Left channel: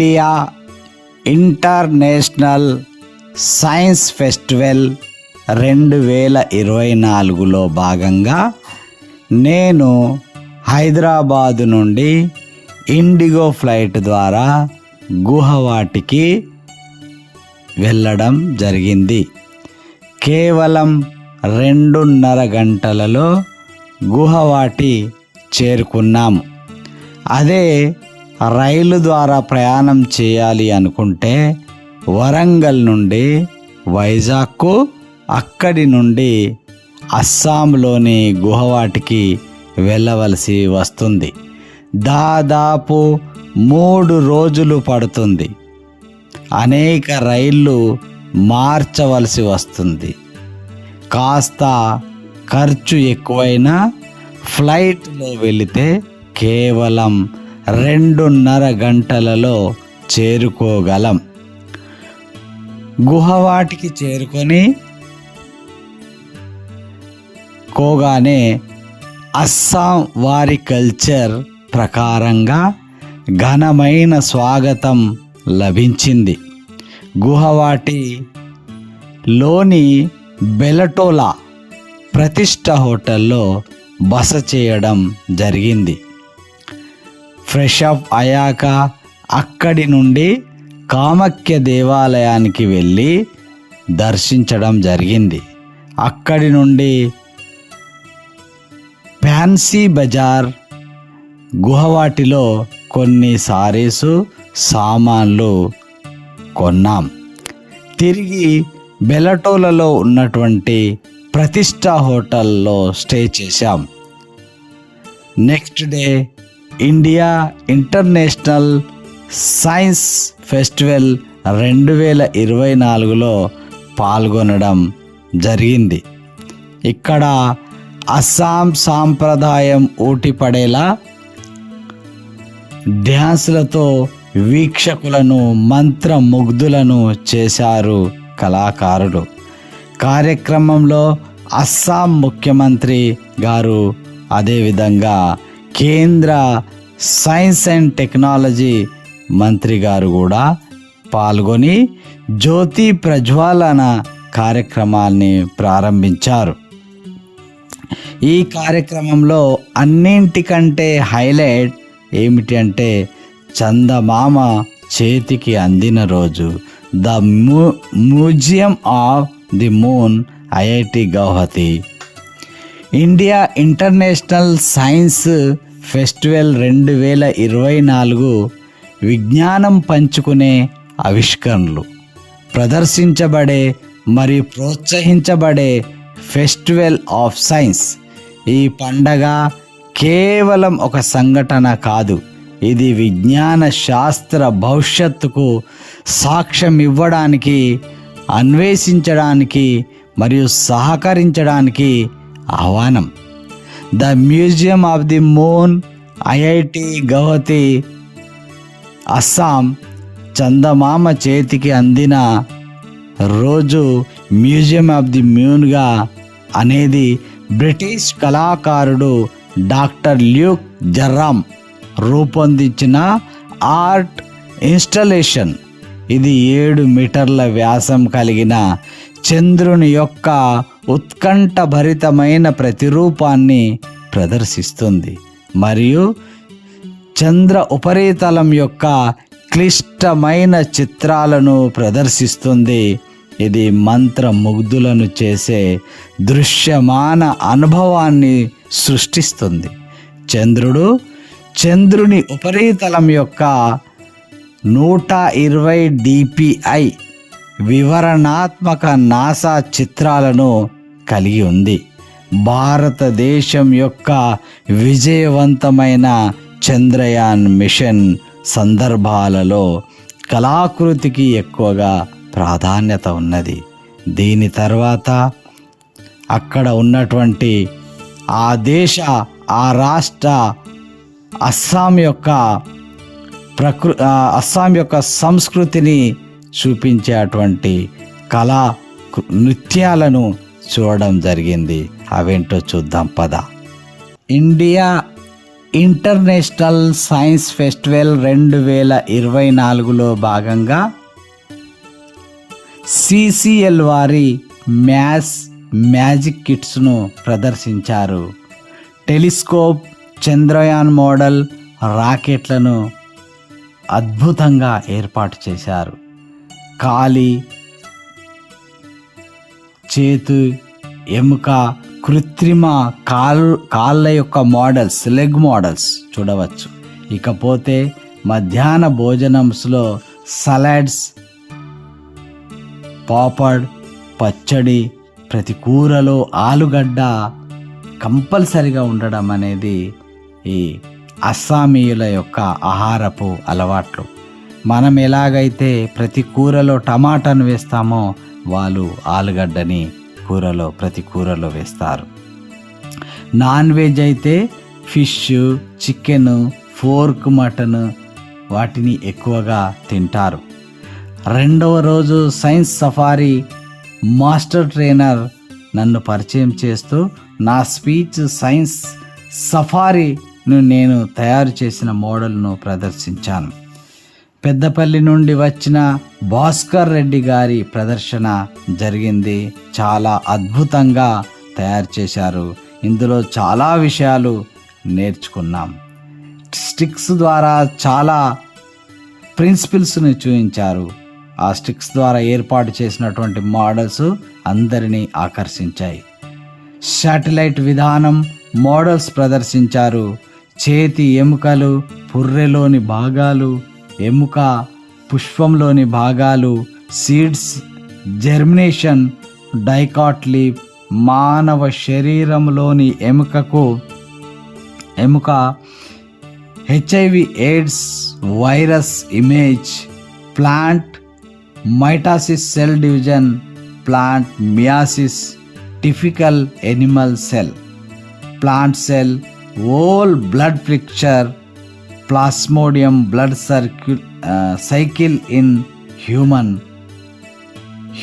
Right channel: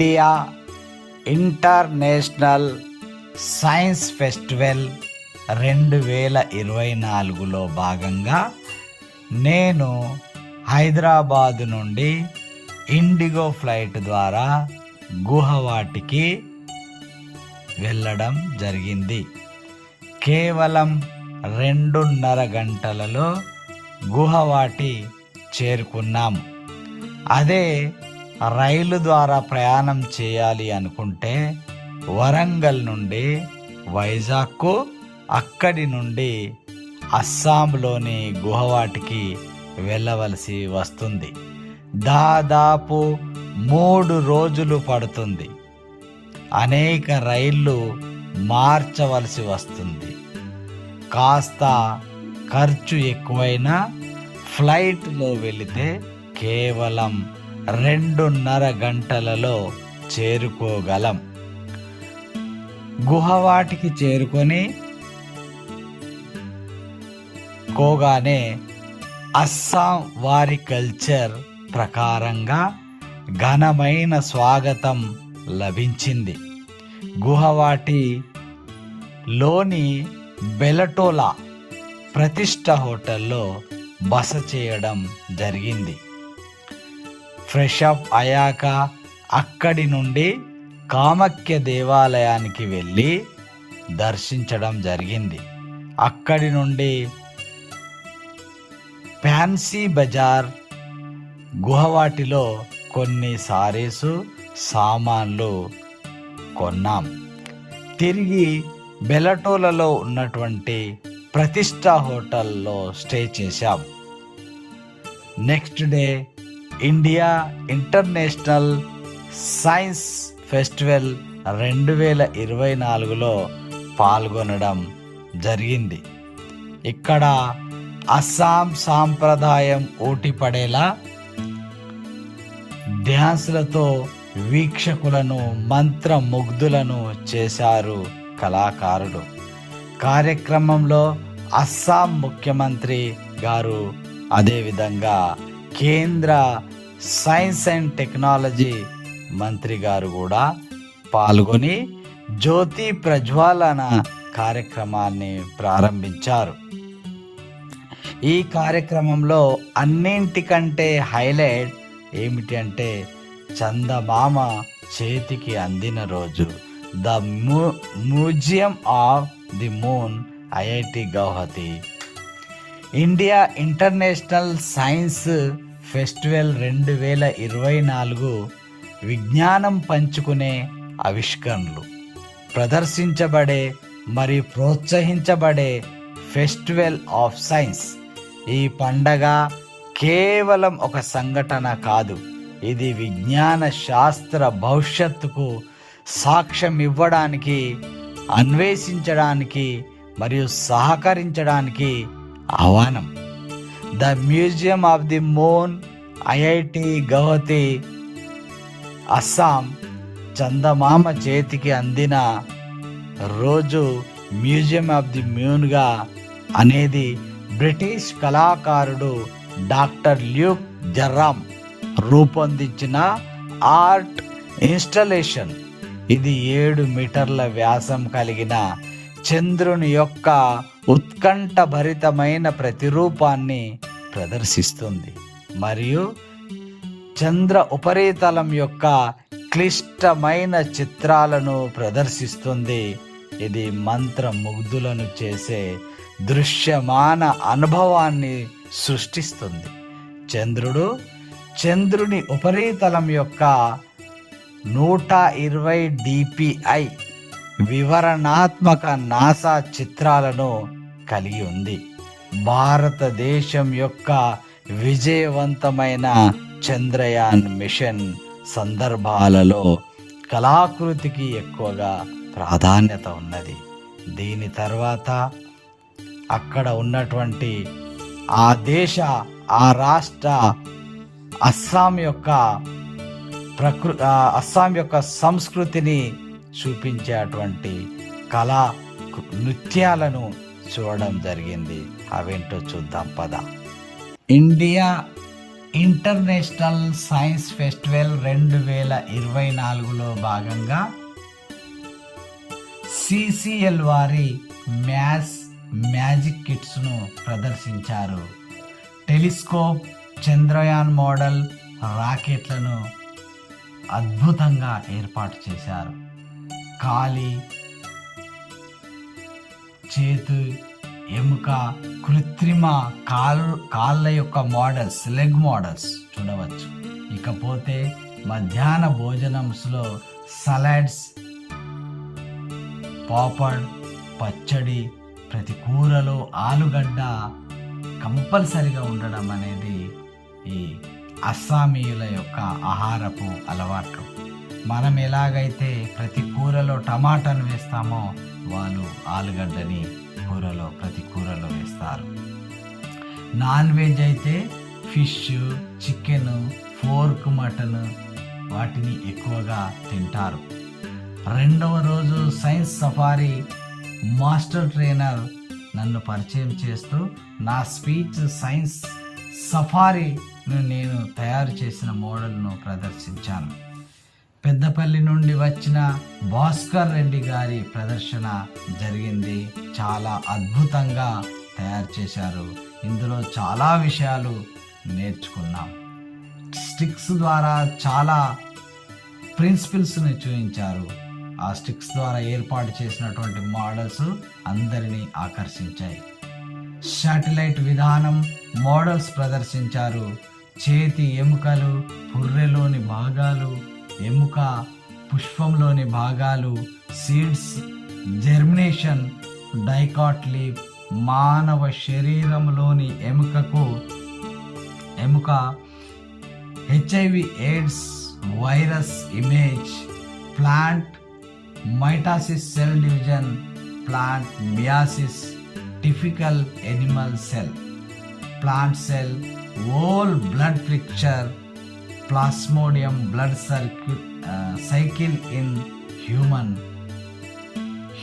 India international science festival 2024లో భాగంగా నేను హైదరాబాదు నుండి ఇండిగో ఫ్లైట్ ద్వారా గుహవాటికి వెళ్ళడం జరిగింది. కేవలం 2.5 గంటలలో గుహవాటి చేరుకున్నాము. అదే రైలు ద్వారా ప్రయాణం చేయాలి అనుకుంటే వరంగల్ నుండి వైజాగ్కు, అక్కడి నుండి అస్సాంలోని గుహవాటికి వెళ్ళవలసి వస్తుంది. దాదాపు 3 రోజులు పడుతుంది. అనేక రైళ్ళు మార్చవలసి వస్తుంది. కాస్త ఖర్చు ఎక్కువైనా ఫ్లైట్లో వెళితే కేవలం 2.5 గంటలలో చేరుకోగలం. గుహవాటికి చేరుకొని కోగానే అస్సాం వారి కల్చర్ ప్రకారంగా ఘనమైన స్వాగతం లభించింది. గుహవాటిలోని బెలటోలా ప్రతిష్ట హోటల్లో బస చేయడం జరిగింది. ఫ్రెష్ అప్ అయ్యాక అక్కడి నుండి కామాఖ్య దేవాలయానికి వెళ్ళి దర్శించడం జరిగింది. అక్కడి నుండి ఫ్యాన్సీ బజార్, గుహవాటిలో కొన్ని సారీసు సామాన్లు కొన్నాం. తిరిగి బెలటోలలో ఉన్నటువంటి ప్రతిష్ట హోటల్లో స్టే చేశాం. Next day India international science festival 2024లో పాల్గొనడం జరిగింది. ఇక్కడ అస్సాం సాంప్రదాయం ఊటిపడేలా డ్యాన్సులతో వీక్షకులను మంత్రముగ్ధులను చేశారు కళాకారులు. కార్యక్రమంలో అస్సాం ముఖ్యమంత్రి గారు, అదేవిధంగా కేంద్ర సైన్స్ అండ్ టెక్నాలజీ మంత్రి గారు కూడా పాల్గొని జ్యోతి ప్రజ్వాలన కార్యక్రమాన్ని ప్రారంభించారు. ఈ కార్యక్రమంలో అన్నింటికంటే హైలైట్ ఏమిటి అంటే చందమామ చేతికి అందిన రోజు. The museum of the moon, IIT Guwahati. India international science festival 2024 విజ్ఞానం పంచుకునే ఆవిష్కరణలు ప్రదర్శించబడే మరియు ప్రోత్సహించబడే ఫెస్టివల్ ఆఫ్ సైన్స్. ఈ పండగ కేవలం ఒక సంఘటన కాదు, ఇది విజ్ఞాన శాస్త్ర భవిష్యత్తుకు సాక్ష్యం ఇవ్వడానికి, అన్వేషించడానికి మరియు సహకరించడానికి ఆహ్వానం. The museum of the moon, IIT Guwahati, Assam. చందమామ చేతికి అందిన రోజు మ్యూజియం ఆఫ్ ది మూన్గా అనేది బ్రిటిష్ కళాకారుడు డాక్టర్ ల్యూక్ జర్రామ్ రూపొందించిన ఆర్ట్ ఇన్స్టలేషన్. ఇది 7 మీటర్ల వ్యాసం కలిగిన చంద్రుని యొక్క ఉత్కంఠభరితమైన ప్రతిరూపాన్ని ప్రదర్శిస్తుంది మరియు చంద్ర ఉపరితలం యొక్క క్లిష్టమైన చిత్రాలను ప్రదర్శిస్తుంది. ఇది మంత్రముగ్ధులను చేసే దృశ్యమాన అనుభవాన్ని సృష్టిస్తుంది. చంద్రుని ఉపరితలం యొక్క 120 dpi వివరణాత్మక నాసా చిత్రాలను కలిగి ఉంది. భారతదేశం యొక్క విజయవంతమైన చంద్రయాన్ మిషన్ సందర్భాలలో కళాకృతికి ఎక్కువగా ప్రాధాన్యత ఉన్నది. దీని తర్వాత అక్కడ ఉన్నటువంటి ఆ రాష్ట్ర అస్సాం యొక్క సంస్కృతిని చూపించేటువంటి కళా నృత్యాలను చూడడం జరిగింది. అవేంటో చూద్దాం పద. ఇండియా ఇంటర్నేషనల్ సైన్స్ ఫెస్టివల్ 2024లో భాగంగా సిసిఎల్ వారి మ్యాజిక్ కిట్స్ను ప్రదర్శించారు. టెలిస్కోప్, చంద్రయాన్ మోడల్ రాకెట్లను అద్భుతంగా ఏర్పాటు చేశారు. కాలి, చేతు, ఎముక, కృత్రిమ కాళ్ళ యొక్క మోడల్స్, లెగ్ మోడల్స్ చూడవచ్చు. ఇకపోతే మధ్యాహ్న భోజనంలో సలాడ్స్, పాపడ్, పచ్చడి, ప్రతి కూరలో ఆలుగడ్డ కంపల్సరిగా ఉండడం అనేది ఈ అస్సామీయుల యొక్క ఆహారపు అలవాట్లు. మనం ఎలాగైతే ప్రతి కూరలో టమాటాను వేస్తామో వాళ్ళు ఆలుగడ్డని ప్రతి కూరలో వేస్తారు. నాన్ వెజ్ అయితే ఫిష్, చికెన్, పోర్క్, మటన్ వాటిని ఎక్కువగా తింటారు. రెండవ రోజు సైన్స్ సఫారీ మాస్టర్ ట్రైనర్ నన్ను పరిచయం చేస్తూ నా స్పీచ్ సైన్స్ సఫారీను నేను తయారు చేసిన మోడల్ను ప్రదర్శించాను. పెద్దపల్లి నుండి వచ్చిన భాస్కర్ రెడ్డి గారి ప్రదర్శన జరిగింది. చాలా అద్భుతంగా తయారు చేశారు. ఇందులో చాలా విషయాలు నేర్చుకున్నాం. స్టిక్స్ ద్వారా చాలా ప్రిన్సిపల్స్ని చూపించారు. ఆ స్టిక్స్ ద్వారా ఏర్పాటు చేసినటువంటి మోడల్స్ అందరినీ ఆకర్షించాయి. శాటిలైట్ విధానం మోడల్స్ ప్రదర్శించారు. చేతి ఎముకలు, పుర్రెలోని భాగాలు, ఎముక పుష్పంలోని భాగాలు, సీడ్స్, జెర్మినేషన్, డైకాట్లీప్, మానవ శరీరంలోని ఎముక, HIV AIDS virus image, plant mitosis, cell division, plant meiosis, typical animal cell, plant cell, whole blood picture, plasmodium blood cycle in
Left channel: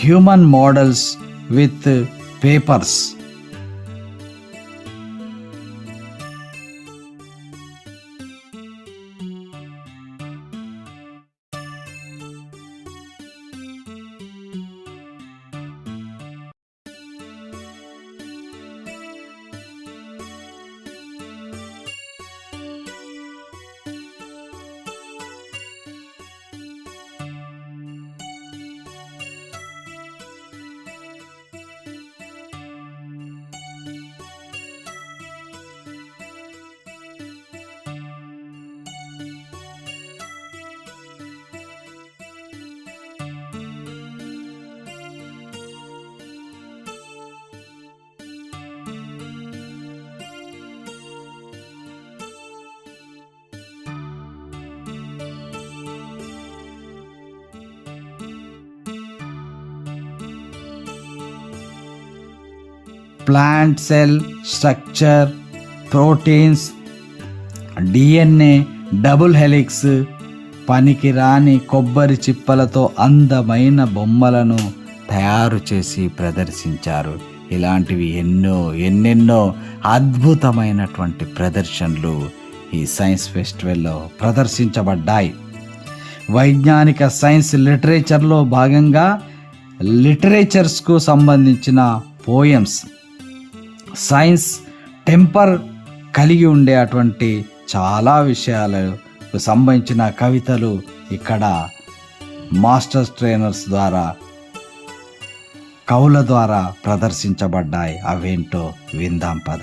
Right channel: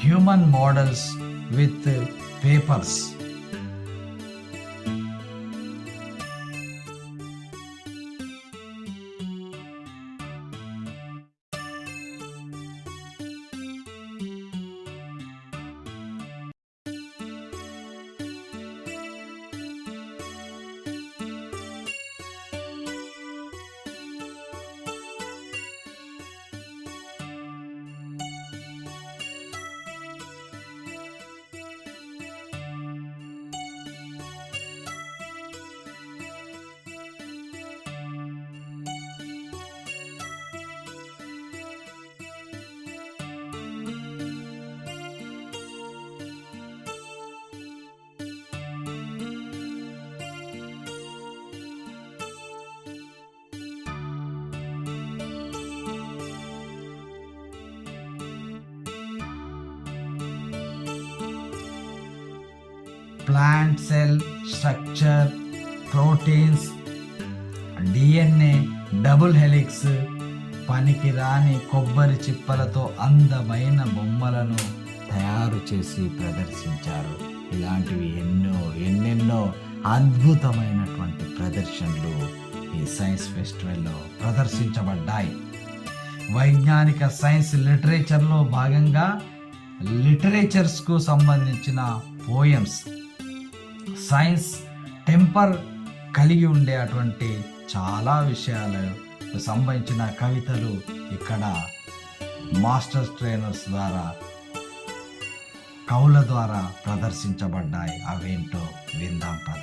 human models with papers. Plant cell structure, proteins, DNA, double helix, పనికిరాని కొబ్బరి చిప్పలతో అందమైన బొమ్మలను తయారు చేసి ప్రదర్శించారు. ఇలాంటివి ఎన్నెన్నో అద్భుతమైనటువంటి ప్రదర్శనలు ఈ సైన్స్ ఫెస్టివల్లో ప్రదర్శించబడ్డాయి. వైజ్ఞానిక సైన్స్ లిటరేచర్లో భాగంగా లిటరేచర్స్కు సంబంధించిన పోయమ్స్, సైన్స్ టెంపర్ కలిగి ఉండే అటువంటి చాలా విషయాలకు సంబంధించిన కవితలు ఇక్కడ మాస్టర్స్ ట్రైనర్స్ ద్వారా, కవుల ద్వారా ప్రదర్శించబడ్డాయి. అవేంటో విందాం పద.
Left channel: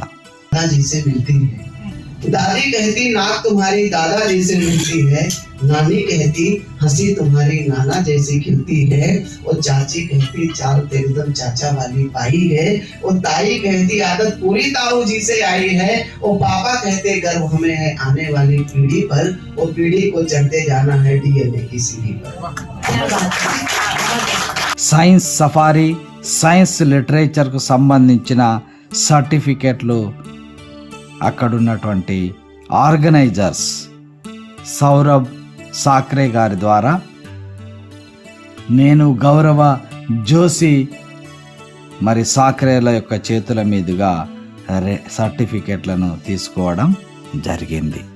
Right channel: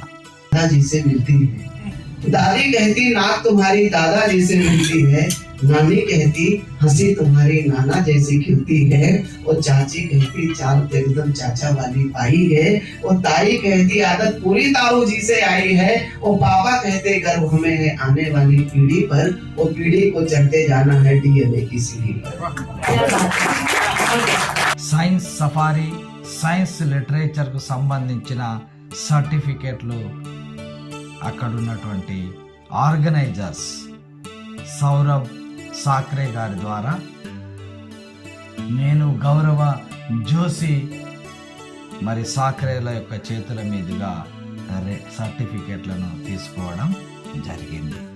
दादी कहती नाक तुम्हारी दादा जैसे मिलती है, नानी कहती हंसी तुम्हारी नाना जैसी खिलती है, और चाची कहती चाल तो एकदम चाचा वाली पाई है, और ताई कहती आदत पूरी ताऊ जी से आई है, और पापा कहते गर्व हमें है आने वाली पीढ़ी पर, और पीढ़ी को चढ़ते जाना है डीएनए की सीढ़ी पर. సైన్స్ సఫారీ, సైన్స్ లిటరేచర్కు సంబంధించిన సర్టిఫికెట్లు అక్కడున్నటువంటి ఆర్గనైజర్స్ సౌరభ్ సాక్రే గారి ద్వారా నేను గౌరవ జోషి సాక్రేల యొక్క చేతుల మీదుగా సర్టిఫికెట్లను తీసుకోవడం జరిగింది.